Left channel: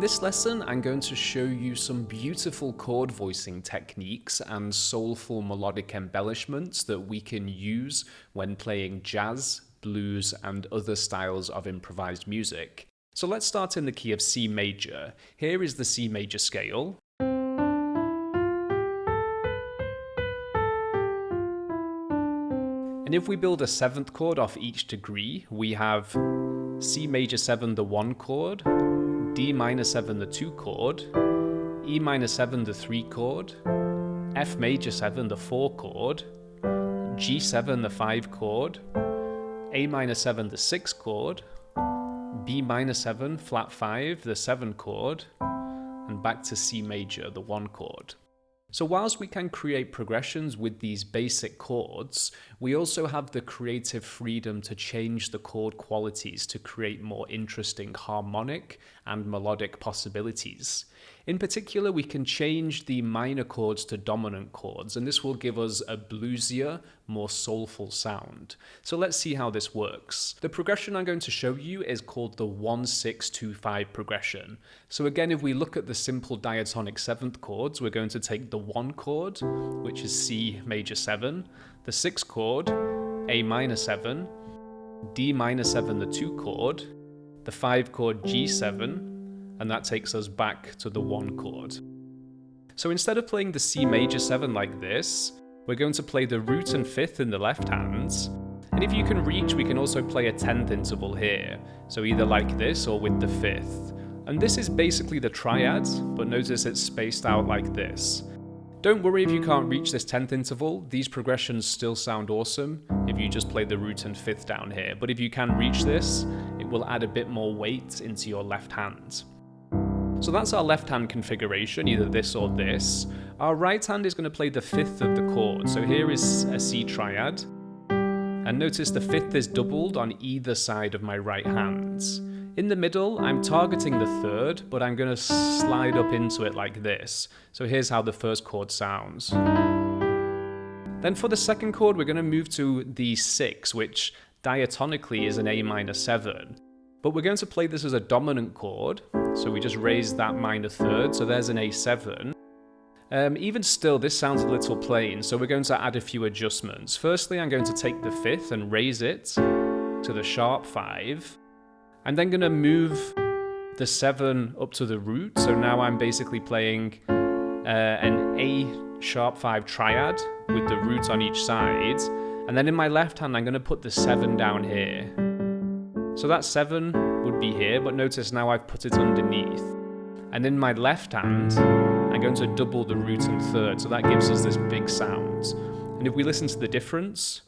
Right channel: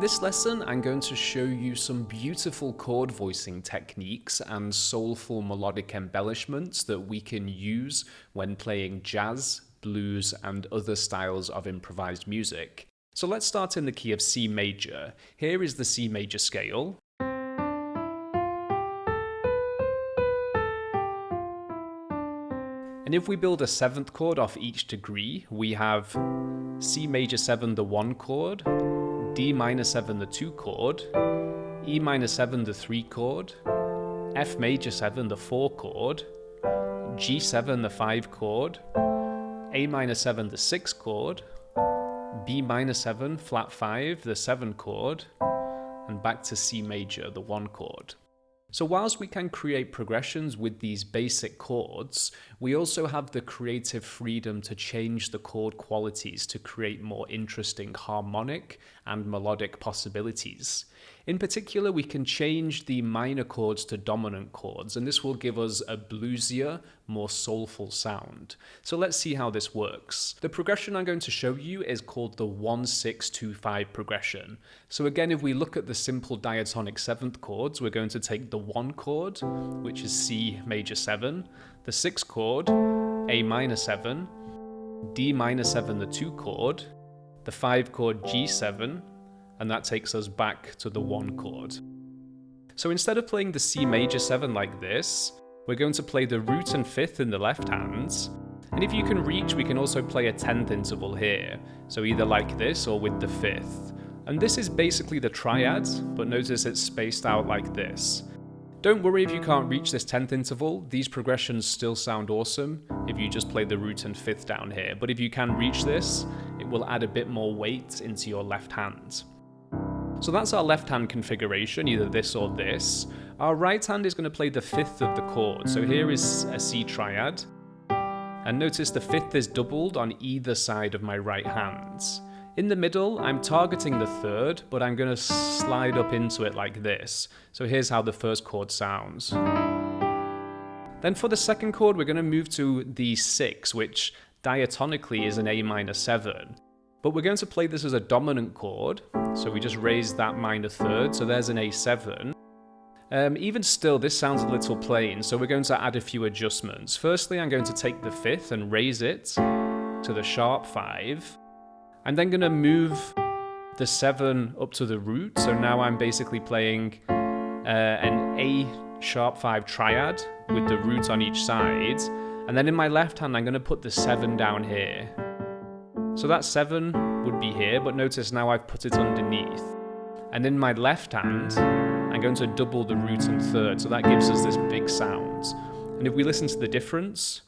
In this lesson, I'm going to show you some beautiful chord voicing techniques and soulful melodic embellishments that we can use when playing jazz, blues, and other styles of improvised music. So let's start in the key of C major. Here is the C major scale. And if we build a seventh chord off each degree, we have C major 7, the 1 chord, D minor 7, the 2 chord, E minor 7, the 3 chord, F major 7, the 4 chord, G7, the 5 chord, A minor 7, the 6 chord, B minor 7, flat 5, the 7 chord, and back to C major, the 1 chord. So whilst we can create progressions with these basic chords, we also have the creative freedom to change the chord qualities to create more interesting harmonic and melodic possibilities. In particular, we can change the minor chords to dominant chords, and this will give us a bluesier, more soulful sound. So let's see how this works. The progression I'm going to show you is called the 1-6-2-5 progression. So again, if we look at the simple diatonic 7th chords, we're going to take the 1 chord, which is C major 7, the 6 chord, A minor 7, D minor 7, the 2 chord, the 5 chord G7, and that takes us back to the 1 chord. So instead of playing the C major 7 like this, we're going to play the root and 5th in the left hands, and if you can reach, we can also play a 10th interval here, so either like this or with the 5th. And this is basically the triad, but notice it's spaced out like this. Don't worry if you can't reach this 10th interval, these progressions still sound awesome if you just play the root and 5th down here, but if you can reach this, it will add a bit more weight into your left hand. So that's our left hand configuration, either this or this. Our right hand is going to play the 5th of the chord, so here is a C triad, and notice the 5th is doubled on either side of my right hand. In the middle, I'm targeting the 3rd, but I'm going to slide up into it like this. So here's how the first chord sounds. Then for the second chord, we're going to move to the 6, which diatonically is an A minor 7. But we're going to play this as a dominant chord, so we just raise that minor 3rd, so there's an A7. Even still, this sounds a little plain, so we're going to add a few adjustments. Firstly, I'm going to take the 5th and raise it to the sharp 5. I'm then going to move the 7 up to the root, so now I'm basically playing an A sharp 5 triad with the root on each side, and then in my left hand I'm going to put the 7 down here. So that 7 would be here, but notice now I've put it underneath. And in my left hand, I'm going to double the root and 3rd, so that gives us this big sound. And if we listen to the difference,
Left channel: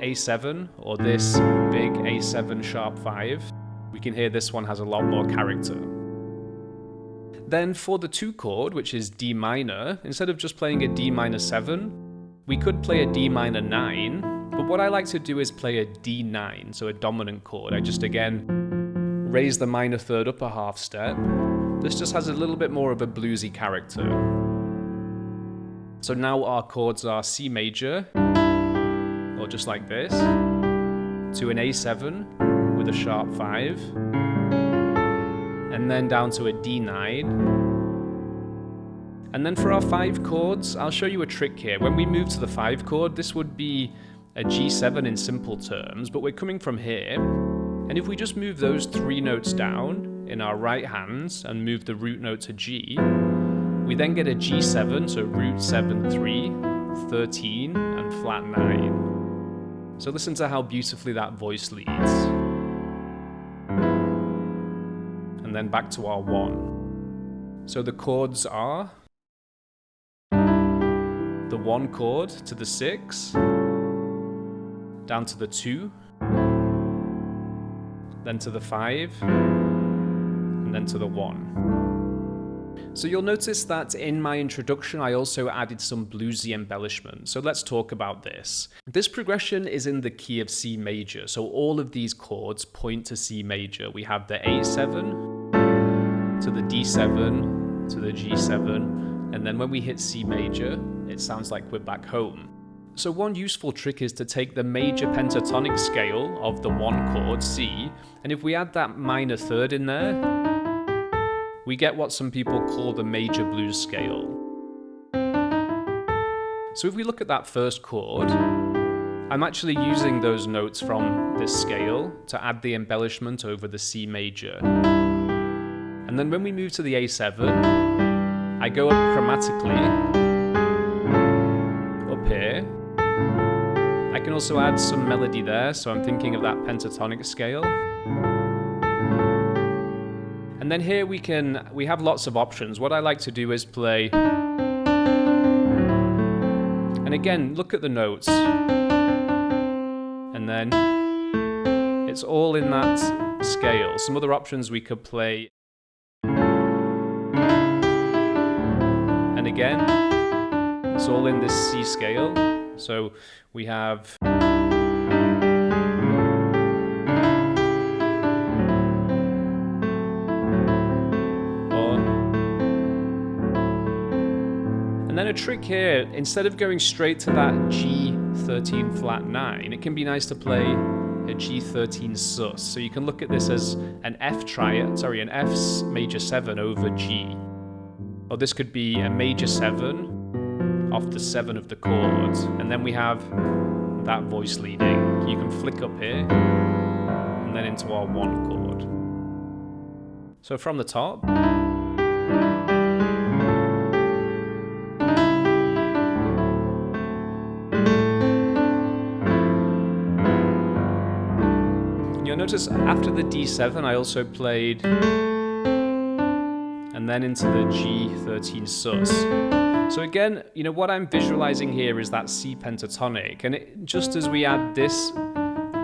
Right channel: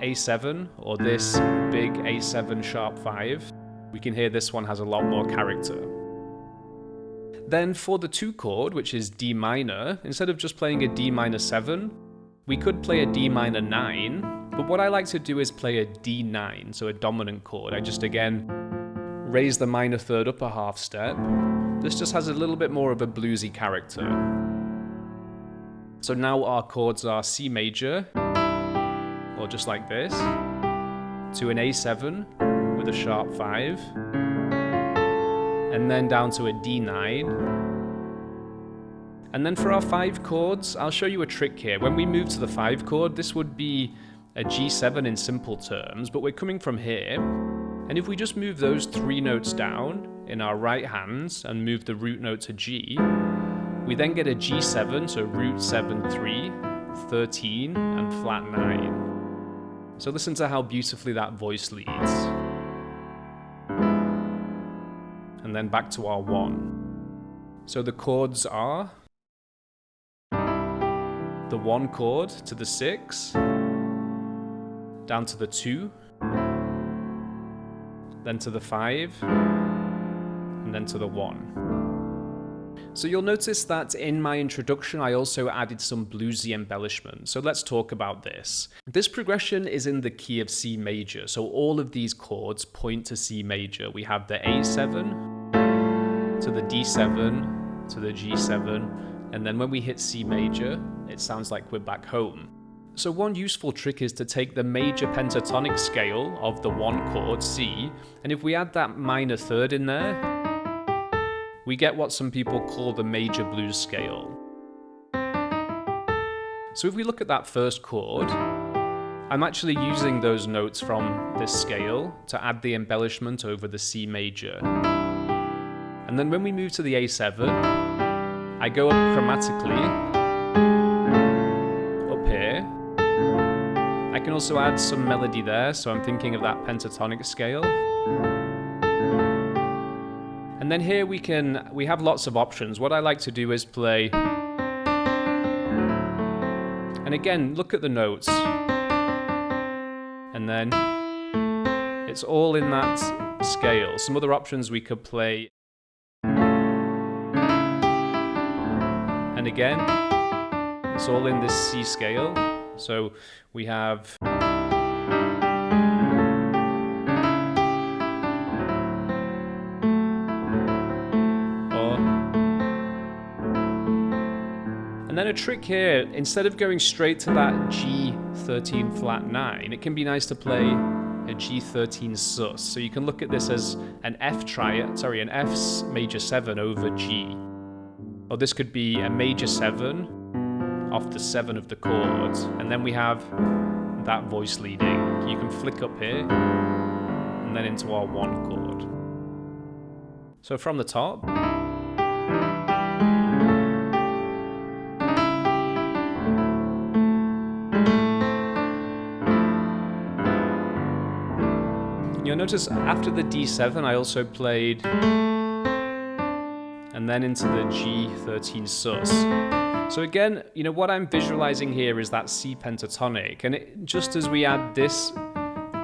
A7, or this big A7 sharp 5, we can hear this one has a lot more character. Then for the 2 chord, which is D minor, instead of just playing a D minor 7, we could play a D minor 9, but what I like to do is play a D9, so a dominant chord. I just again raise the minor 3rd up a half step. This just has a little bit more of a bluesy character. So now our chords are C major, or just like this, to an A7 with a sharp 5, and then down to a D9. And then for our 5 chords, I'll show you a trick here. When we move to the 5 chord, this would be a G7 in simple terms, but we're coming from here, and if we just move those 3 notes down in our right hands and move the root note to G, we then get a G7, so root 7, 3, 13, and flat 9. So listen to how beautifully that voice leads. And then back to our 1. So the chords are the 1 chord to the 6, down to the 2, then to the 5, and then to the 1. So you'll notice that in my introduction I also added some bluesy embellishment, so let's talk about this. This progression is in the key of C major, so all of these chords point to C major. We have the A7, to the D7, to the G7, and then when we hit C major, it sounds like we're back home. So one useful trick is to take the major pentatonic scale of the 1 chord, C, and if we add that minor 3rd in there, we get what some people call the major blues scale. So if we look at that first chord, I'm actually using those notes from this scale to add the embellishment over the C major. And then when we move to the A7, I go up chromatically, up here. I can also add some melody there, so I'm thinking of that pentatonic scale. And then here we have lots of options. What I like to do is play, and again, look at the notes. And then it's all in that scale. Some other options we could play. And again, it's all in this C scale. So we have and then a trick here, instead of going straight to that G13 flat 9, it can be nice to play a G13 sus. So you can look at this as an F major 7 over G. Or this could be a major 7 off the 7 of the chords, and then we have that voice leading. You can flick up here, and then into our 1 chord. So from the top, you'll notice after the D7 I also played, and then into the G13 sus. So again, what I'm visualizing here is that C pentatonic, and just as we add this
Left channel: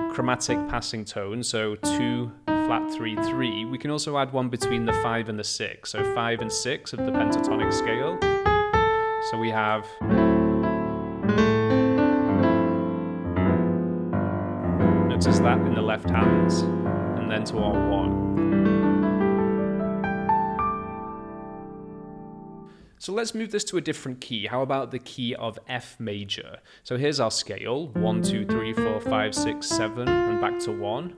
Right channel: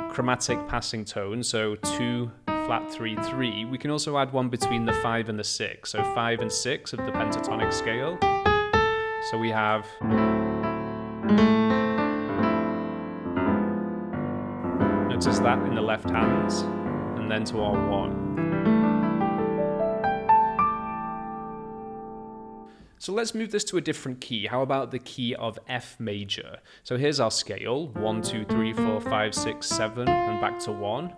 chromatic passing tone, so 2 flat 3 3, we can also add one between the 5 and the 6, so 5 and 6 of the pentatonic scale. So we have notice that in the left hands, and then to our 1. So let's move this to a different key. How about the key of F major? So here's our scale, 1, 2, 3, 4, 5, 6, 7, and back to 1.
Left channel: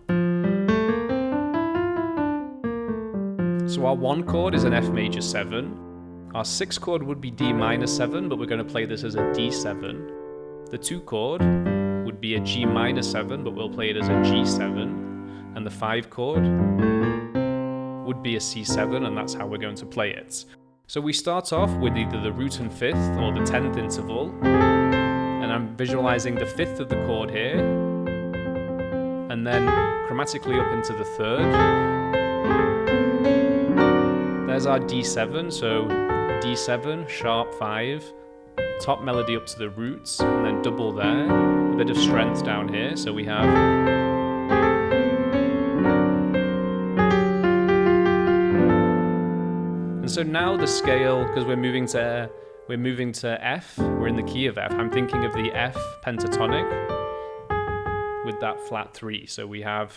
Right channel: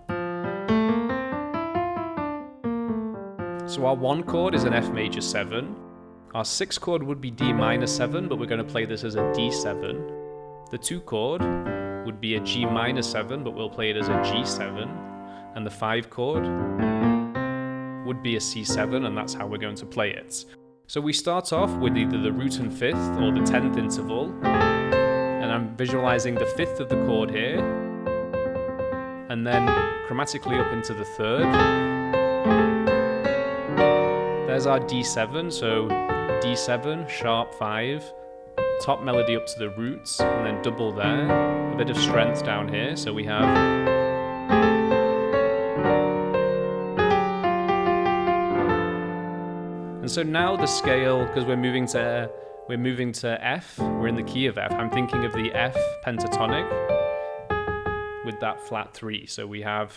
So our 1 chord is an F major 7. Our 6 chord would be D minor 7, but we're going to play this as a D7. The 2 chord would be a G minor 7, but we'll play it as a G7. And the 5 chord would be a C7, and that's how we're going to play it. So we start off with either the root and 5th or the 10th interval, and I'm visualizing the 5th of the chord here, and then chromatically up into the 3rd. There's our D7, so D7, sharp 5, top melody up to the roots, and then double there, a bit of strength down here, so we have and so now the scale, because we're moving to F, we're in the key of F. I'm thinking of the F pentatonic with that flat 3. So we have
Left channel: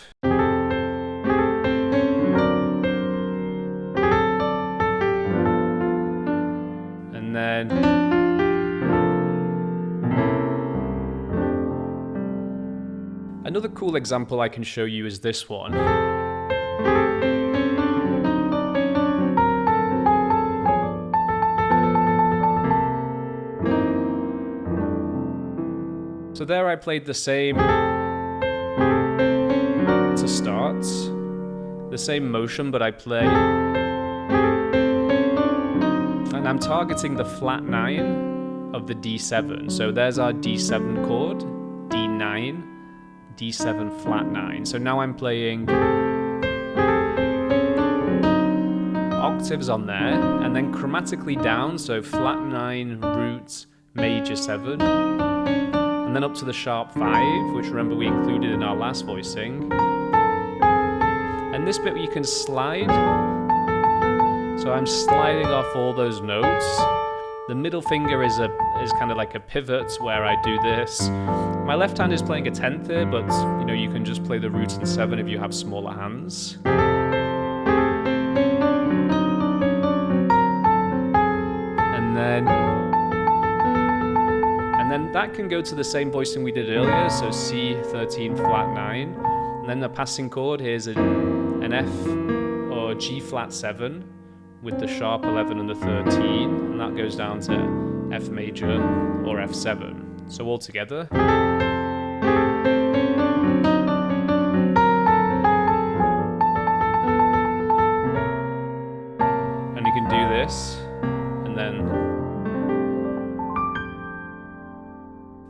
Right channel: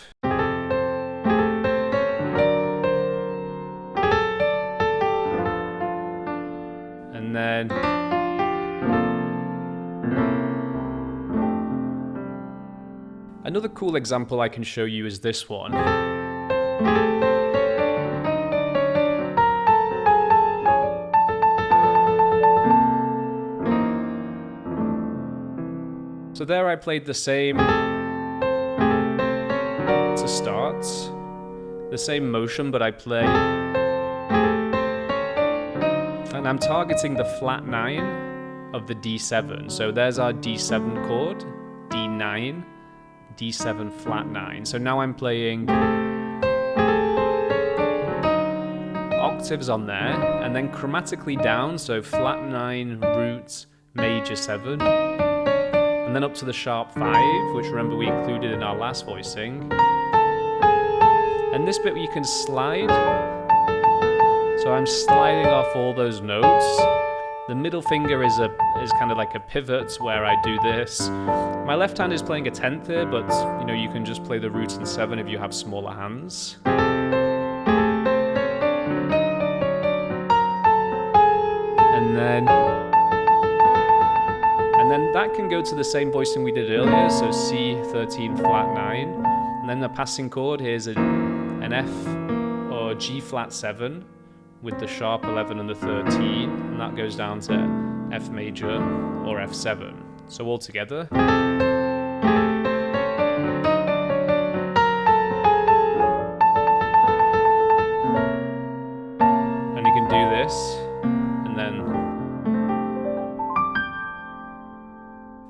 and then another cool example I can show you is this one. So there I played the same to start, the same motion, but I play, and I'm targeting the flat 9 of the D7. So there's our D7 chord, D9, D7 flat 9. So now I'm playing octaves on there, and then chromatically down, so flat 9, root, major 7. And then up to the sharp 5, which remember we included in our last voicing. And this bit you can slide. So I'm sliding off all those notes. The middle finger is kind of like a pivot where I do this. My left hand is playing a 10th here, but you can just play the root and 7 if you have smaller hands. And then that can go to the same voicing we did earlier, so C13 flat 9. And then the passing chord, here's an F or G flat 7 with the sharp 11 and the 13, and that goes down to F major or F7. So all together. And you can do this, and then...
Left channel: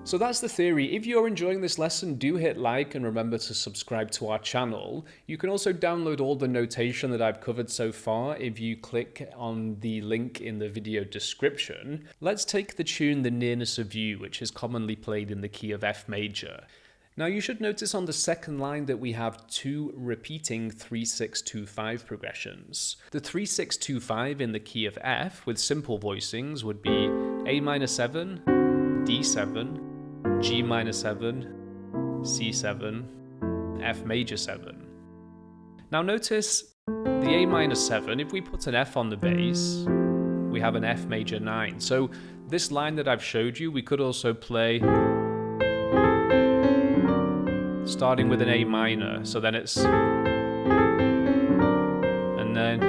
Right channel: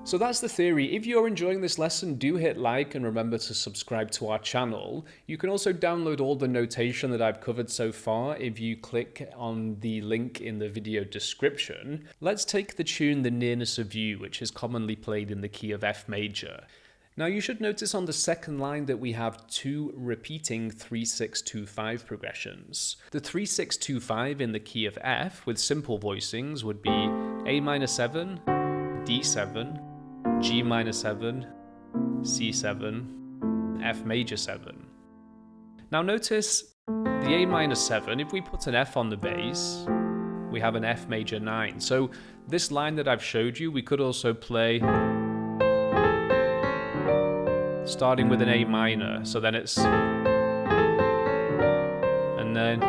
So that's the theory. If you're enjoying this lesson, do hit like and remember to subscribe to our channel. You can also download all the notation that I've covered so far if you click on the link in the video description. Let's take the tune The Nearness of You, which is commonly played in the key of F major. Now you should notice on the second line that we have two repeating 3-6-2-5 progressions. The 3-6-2-5 in the key of F with simple voicings would be A minor 7, D7, G minor 7, C7, F major 7. Now notice the A minor 7, if we put an F on the bass, we have an F major 9. So this line that I've showed you, we could also play starting with an A minor. So then it's... and then...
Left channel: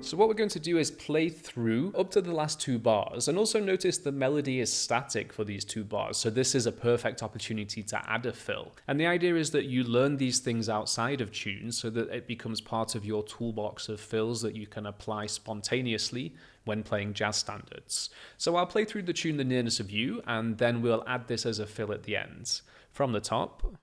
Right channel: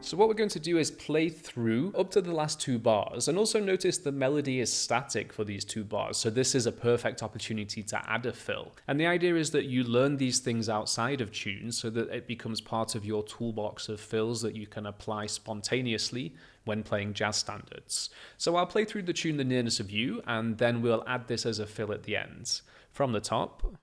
So what we're going to do is play through up to the last two bars, and also notice the melody is static for these two bars, so this is a perfect opportunity to add a fill. And the idea is that you learn these things outside of tunes so that it becomes part of your toolbox of fills that you can apply spontaneously when playing jazz standards. So I'll play through the tune The Nearness of You, and then we'll add this as a fill at the end. From the top.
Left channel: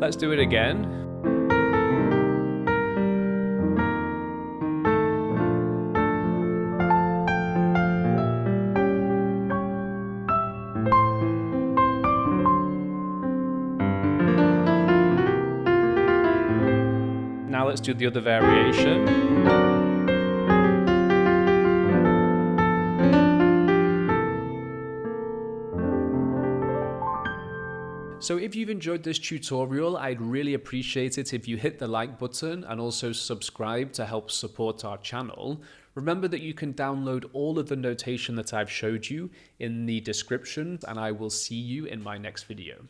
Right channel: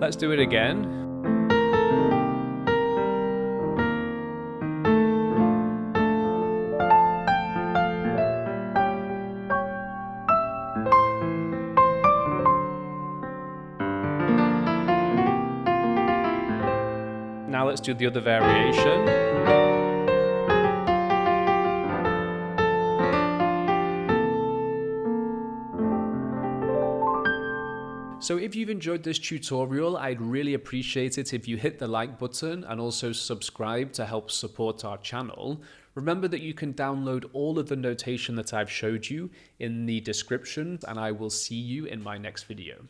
Let's do it again. Now let's do the other variation. So if you've enjoyed this tutorial, I'd really appreciate it if you hit the like button and also subscribe to help support our channel. Remember that you can download all of the notation that I've showed you in the description, and I will see you in my next video.